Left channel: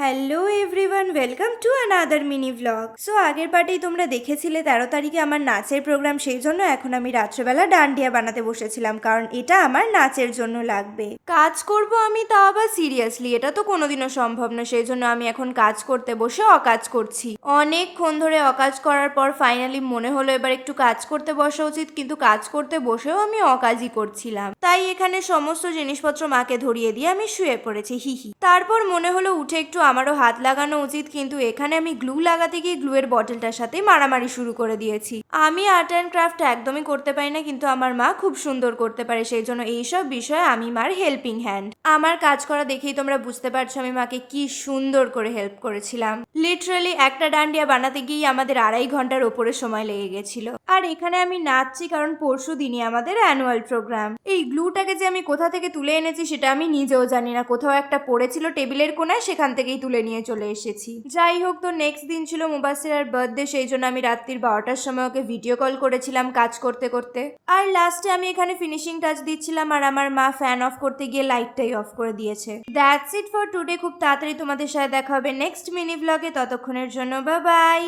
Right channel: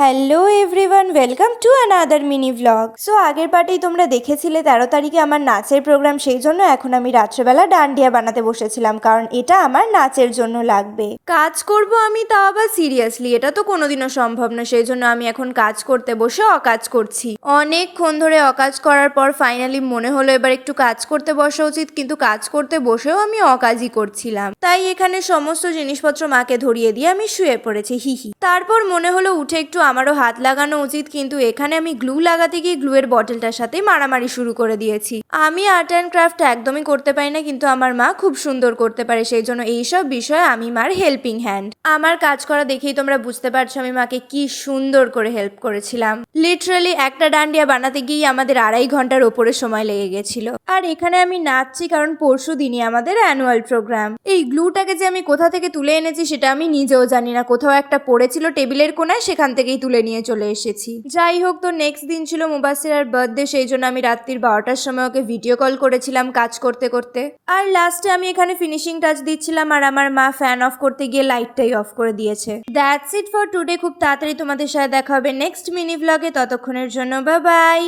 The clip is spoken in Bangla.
Hello everyone, welcome to another mini vlog. So আগের পার্টেই তোমরা দেখেছিলে 13 তারিখে আমার নাচের প্রোগ্রাম, সেই জন্য এখন আমি রাত্রেবেলা ডান্ডিয়া বানাতে বসেছিলাম, কারণ এটা আমার নাচের জন্য লাগবে। কাজ করব আমি, তাও আবার সিরিয়াসলি, এটা তো কোনোদিনও সম্ভব না। সেই জন্য আমি এখন কাজ করতে বসে অকাজ করছি। অনেকক্ষণ ধরে অকাজ করার পর ফাইনালি মনে হলো এবার একটু কাজ করতে বসা উচিত, কিন্তু কাজ করতে বসেও আমি অকাজই করছিলাম। তাই এখানে সমস্ত জিনিসপত্র মাকে ধরিয়ে দিয়ে আমি শুয়ে পড়েছি, হিহি। তারপর মনে হলো উঠে একটু আমারও হাত লাগানো উচিত, কিন্তু এখানে আমি গ্লু লাগাতে গিয়ে গ্লুয়ের বটলটার সাথে মারামারি শুরু করে দিয়েছি। আমি আর্ট অ্যান্ড ক্রাফট একদমই করতে পারি না, কিন্তু আমার মা খুব সুন্দর করতে পারে, সেই জন্য এইসব বিষয়ে আমি মার হেল্পিং হ্যান্ড। আমার কাজ করা দেখেই তোমরা বুঝতে পারছো আমি মাকে কি সুন্দর করে হেল্প করেছিলাম। লিটারালি একটা ডান্ডিয়া বানাতে গিয়ে আমাদের 2.5 ঘন্টার ওপরে সময় লেগে গেছিল। আর এখানে আমি নাচছি কারণ পরশু দিনই আমাদের অ্যানুয়াল প্রোগ্রাম। এই গ্লুটাকে যে আমি কোথা থেকে তুলে এনেছি সেটা আমি নিজেও জানি না, কোথাও একটা পড়েছিল টেবিলের কোনায়, সেখান থেকেই তুলে নিয়ে চলে এসেছি। যাই হোক, তো নেক্সট দিন ছিল মুবাসিরার বার্থডে, সেই জন্য আমি রাত্রির 12টার সময় ওকে ভিডিও কল করেছিলাম কাজ করতে করতে। আর লাস্টে আমি এখানে ফিনিশিং টাচ দিচ্ছিলাম, আর আমার মা ফ্যান অফ করতে গিয়ে লাইটটাই অফ করে দিয়েছে। That's it for today. খুব তাড়াতাড়ি তোমাদের সাথে দেখা হবে নেক্সট মিনি ব্লগে, ততক্ষণের জন্য বাই বাই।